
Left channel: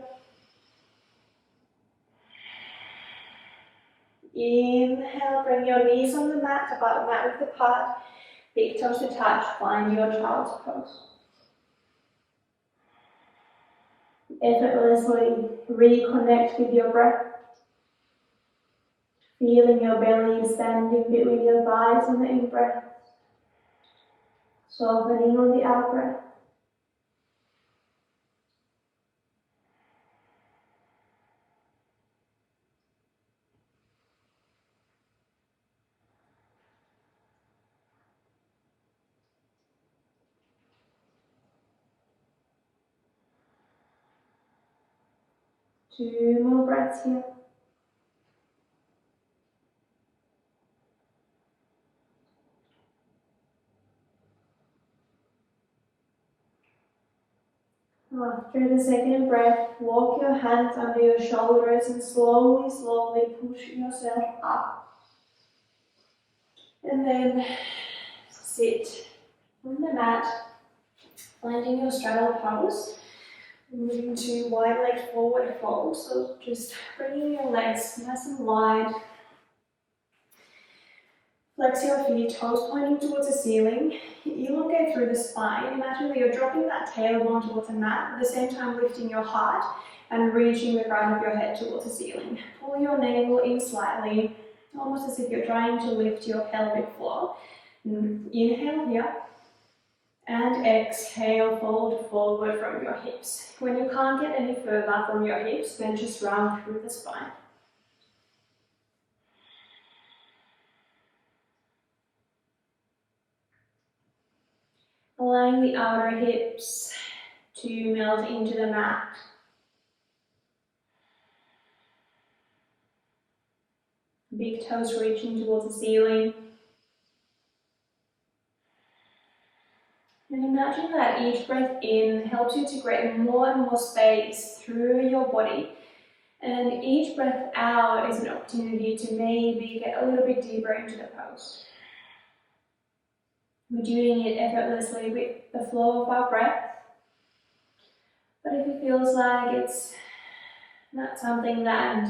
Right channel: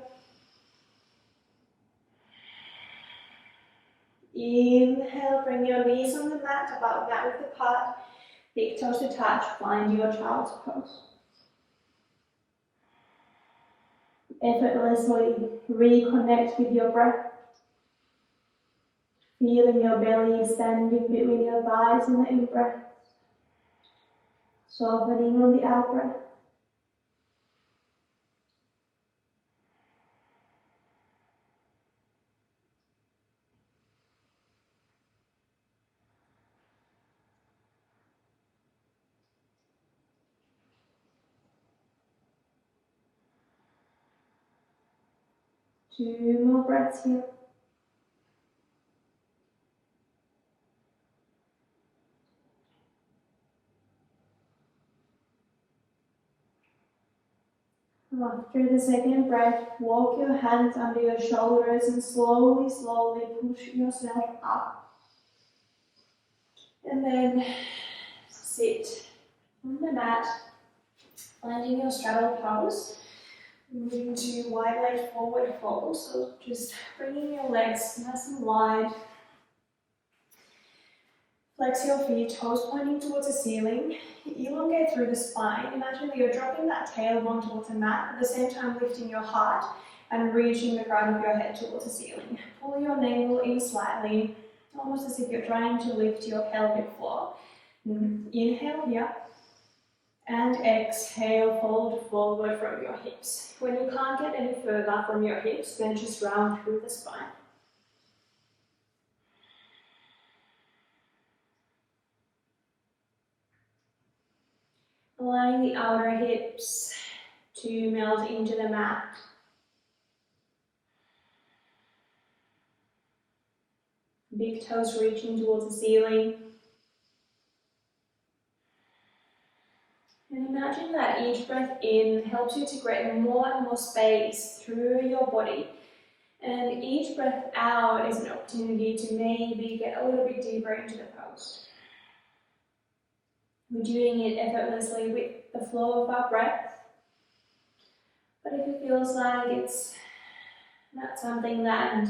Inhale, bring your knees on the mat, about mat width apart. Big toes to touch, find your child's pose. Effortlessly reconnect with your breath. Feeling your belly expanding between your thighs in the in-breath. Softening on the out-breath. Two more breaths here. After the second breath, walk your hands under your shoulders and slowly, slowly push yourself up. And then sit on the mat, finding your straddle pose. Moving to wide leg forward fold. So just bringing your legs nice and wide. Flex your feet, toes pointing towards the ceiling. Elongate through the spine. Imagine that you're dropping that tailbone towards the mat, at the same time lifting your heart and reaching the crown of your head towards the ceiling. Pull your navel in slightly, almost as if you're trying to lift your pelvic floor. Inhale here. And exhale, fold forward from your hips. When you can't get any further from your hips, then just round through the spine. Allowing the outer hips to melt into the mat. big toes reaching towards the ceiling. And imagine that each breath in helps you to create more and more space through your body. And each breath out is an opportunity to maybe get a little bit deeper into the pose. We're doing it effortlessly with the flow of our breath. But if it feels like it's not something that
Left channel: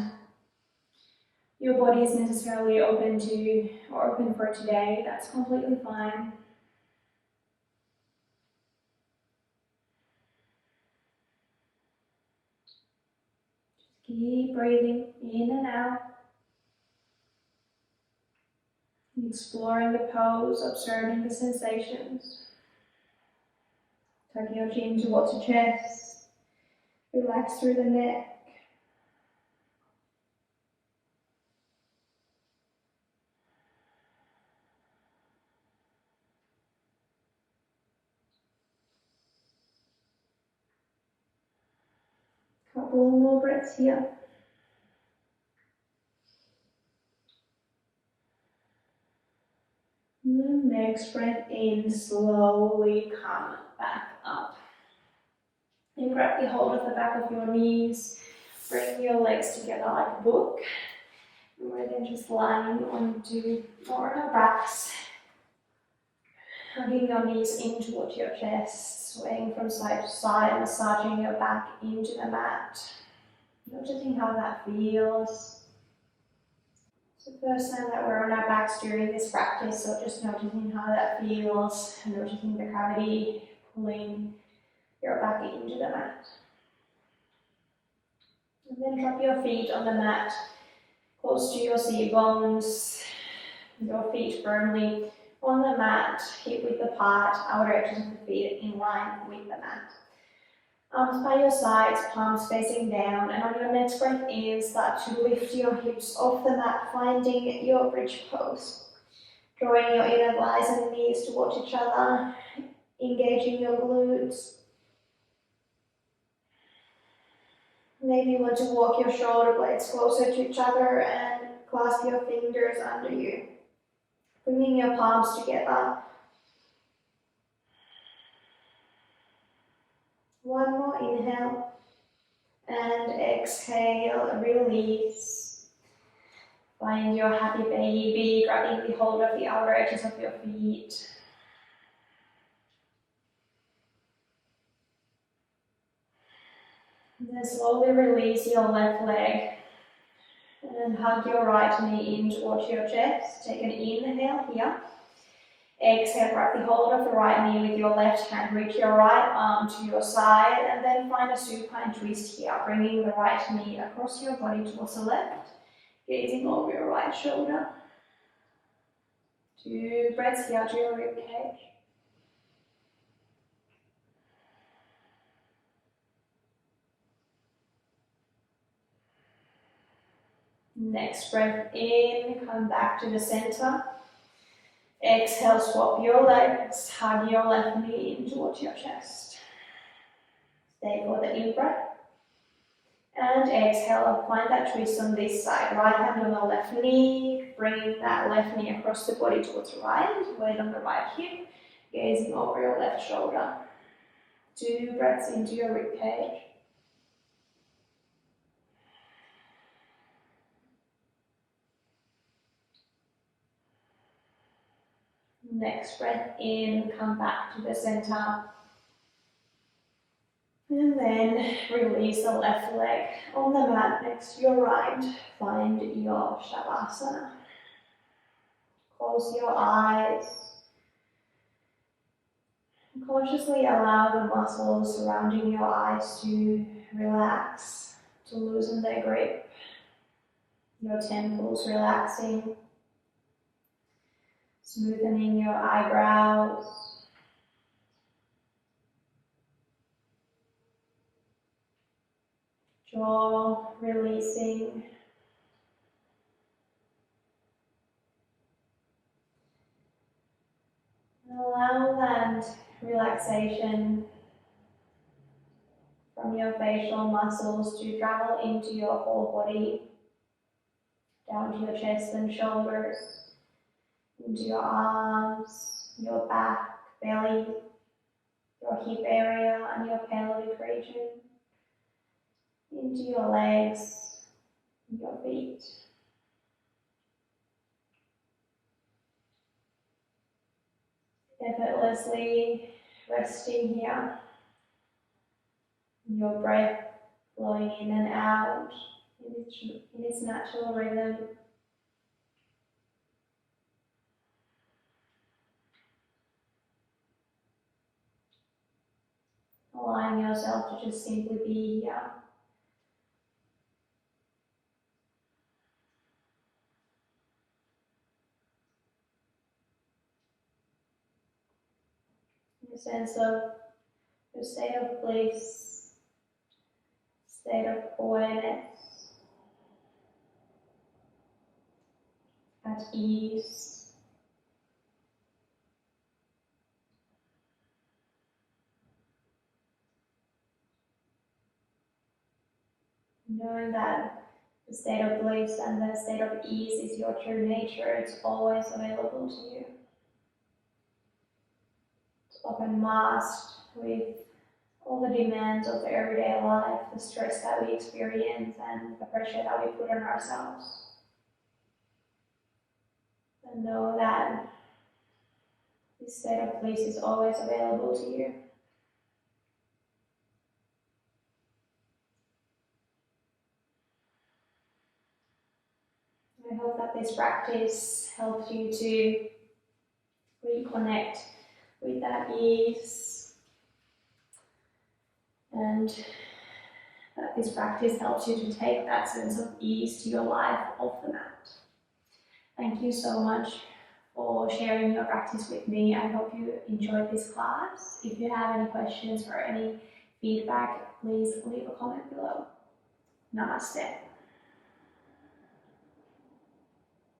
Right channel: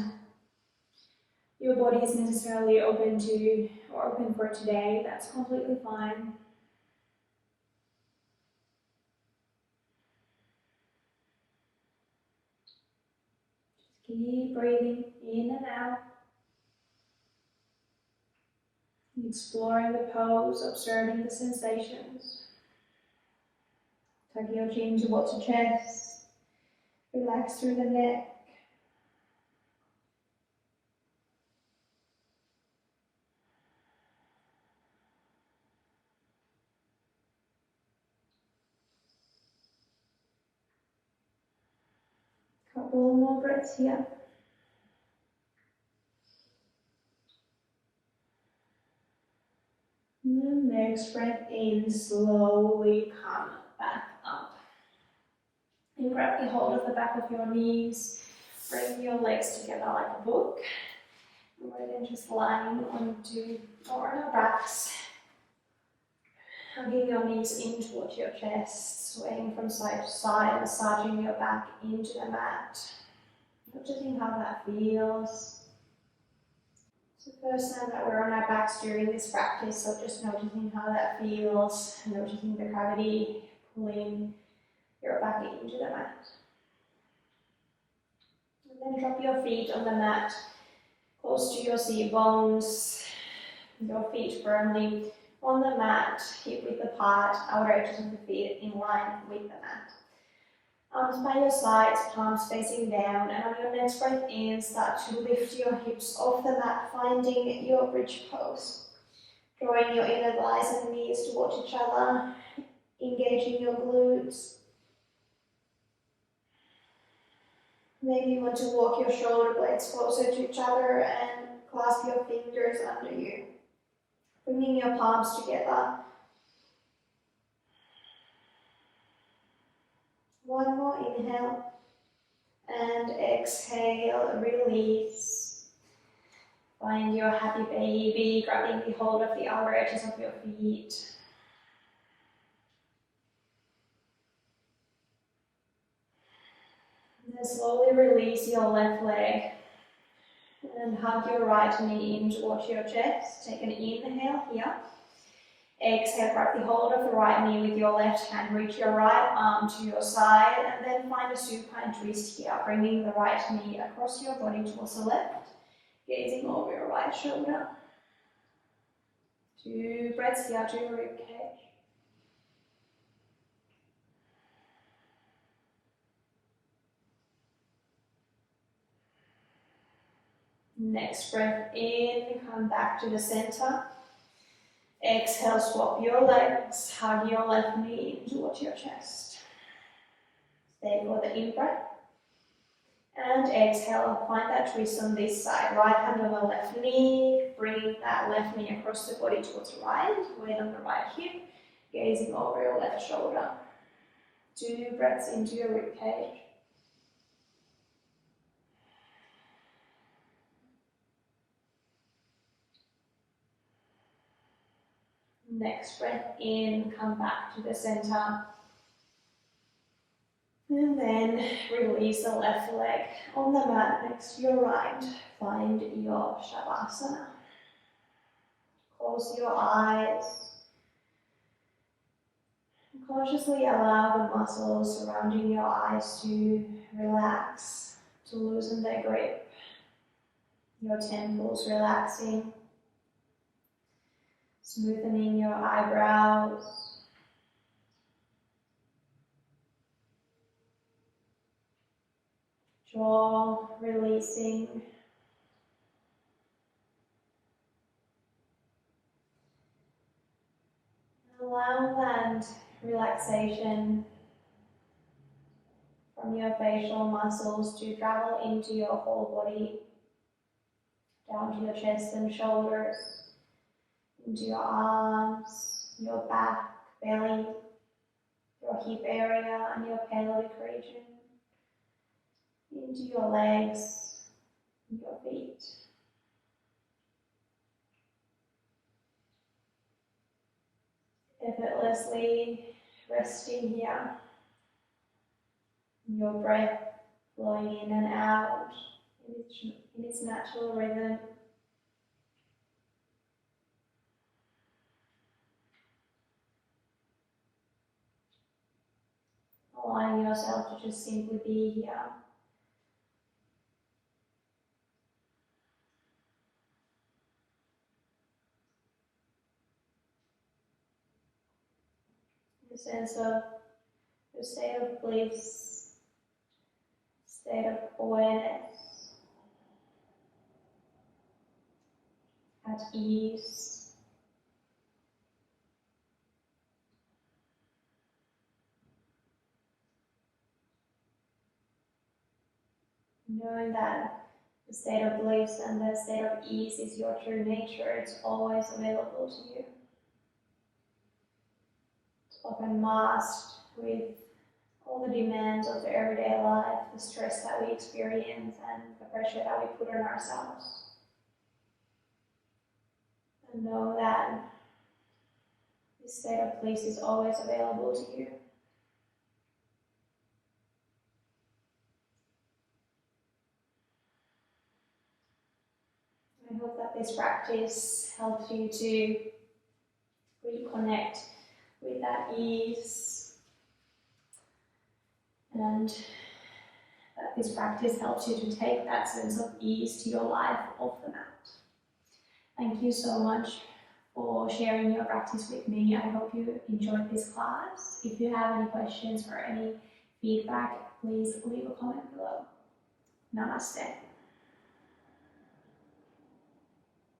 your body is necessarily open to or open for today, that's completely fine. Just keep breathing in and out. Exploring the pose, observing the sensations. Tuck your chin towards your chest. Relax through the neck. Couple more breaths here. And next breath in, slowly come back up. And grab the hold of the back of your knees. Bring your legs together like a book. And we're then just lying onto our backs. Hugging your knees in towards your chest, swaying from side to side, massaging your back into the mat. Noticing how that feels. It's the first time that we're on our backs during this practice, so just noticing how that feels, and noticing the gravity pulling your back into the mat. And then drop your feet on the mat, close to your seat bones, your feet firmly on the mat, hip width apart, outer edges of the feet in line with the mat. Arms by your sides, palms facing down, and on your next breath in, start to lift your hips off the mat, finding your bridge pose. Drawing your inner thighs and knees towards each other, engaging your glutes. Maybe you want to walk your shoulder blades closer to each other and clasp your fingers under you. Bringing your palms together. One more inhale and exhale, release. Find your happy baby, grabbing the hold of the outer edges of your feet. And then slowly release your left leg and hug your right knee in towards your chest. Take an inhale here. Exhale, grab the hold of the right knee with your left hand. Reach your right arm to your side and then find a supine twist here, bringing the right knee across your body towards the left, gazing over your right shoulder. 2 breaths here to your ribcage. Next breath in, come back to the center. Exhale, swap your legs, hug your left knee in towards your chest. Stay for the in-breath. And exhale, find that twist on this side. Right hand on the left knee, bring that left knee across the body towards the right. Weight on the right hip, gazing over your left shoulder. 2 breaths into your ribcage. Next breath in, come back to the center. And then release the left leg on the mat next to your right. Find your Shavasana. Close your eyes. And consciously allow the muscles surrounding your eyes to relax, to loosen their grip. Your temples relaxing. Smoothening your eyebrows. Jaw releasing. Allow that relaxation from your facial muscles to travel into your whole body, down to your chest and shoulders, into your arms, your back, belly, your hip area and your pelvic region, into your legs, your feet. Effortlessly resting here, your breath flowing in and out in its natural rhythm. Allowing yourself to just simply be here. In a sense of a state of bliss, state of awareness, at ease. Knowing that the state of bliss and the state of ease is your true nature, it's always available to you. It's often masked with all the demands of the everyday life, the stress that we experience and the pressure that we put on ourselves. And know that this state of bliss is always available to you. I hope that this practice helps you to reconnect with that ease, and that this practice helps you to take that sense of ease to your life off the mat. Thank you so much for sharing your practice with me. I hope you enjoyed this class. If you have any questions or any feedback, please leave a comment below. Namaste.